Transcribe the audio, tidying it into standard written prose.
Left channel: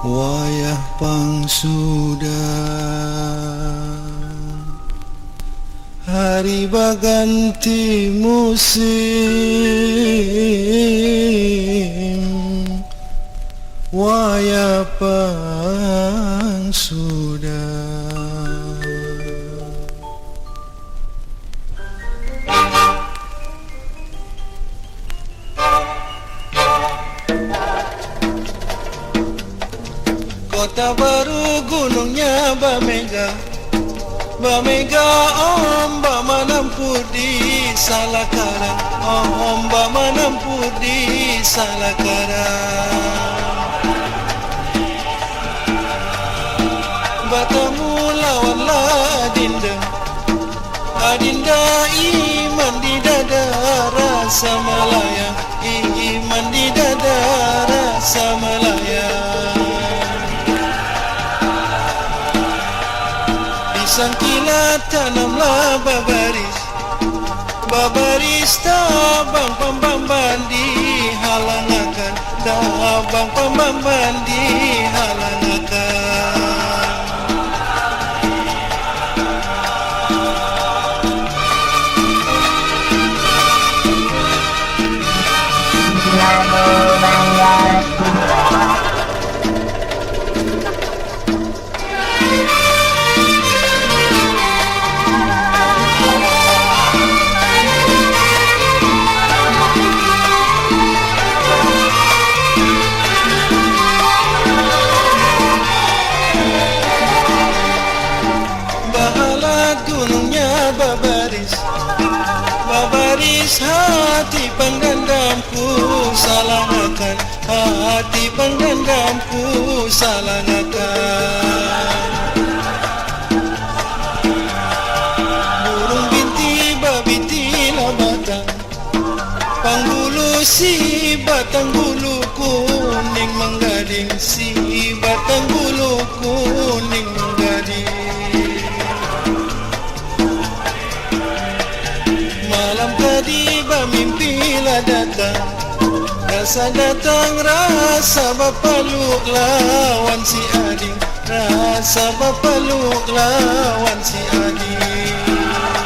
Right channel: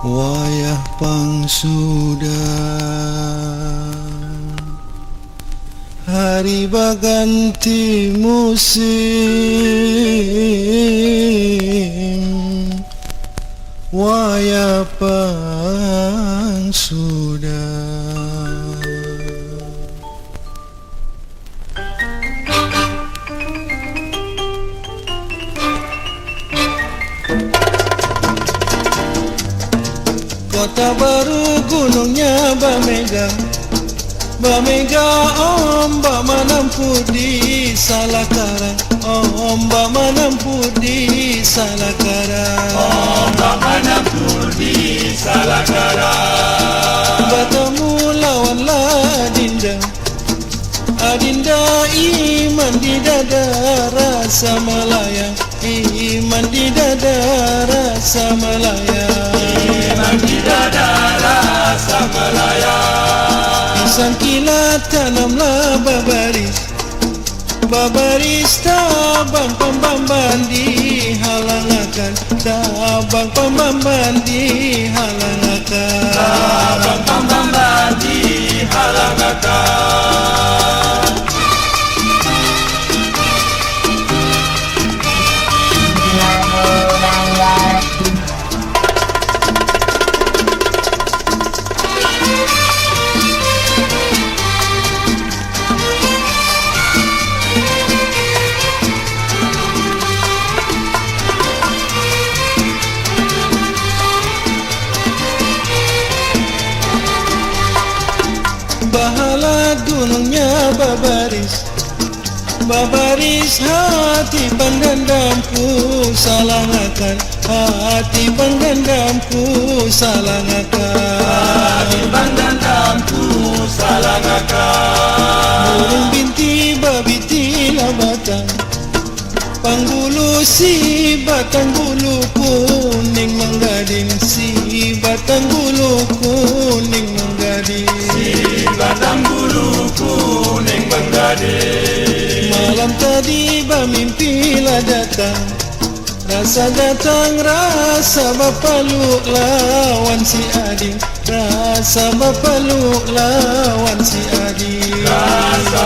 Wayah pang sudah, hari berganti musim. Wayah pang sudah. Kota baru gunungnya bermega, bermega ombak menampur di Salakara, ombak menampur di Salakara, ombak menampur di Salakara. Bertemu lawanlah Adinda, Adinda iman di dada rasa Melaya, iman di dada rasa Melaya. Pisang kilat tanamlah babaris, babaris tabang pembamban dihalangakan, tabang pembamban dihalangakan, tabang pembamban dihalangakan. Namo Buddhaya. Bahala gunungnya babaris, babaris hati pendendamku salangakan, hati pendendamku salangakan, hati pendendamku salangakan. Burung binti babiti batang, panggulu si batang bulu kuning menggading, si batang bulu kuning menggading, si batang bulu kuning menggading. Malam tadi bermimpilah datang, rasa datang rasa berpeluk lawan si Ading, rasa berpeluk lawan si Ading, rasa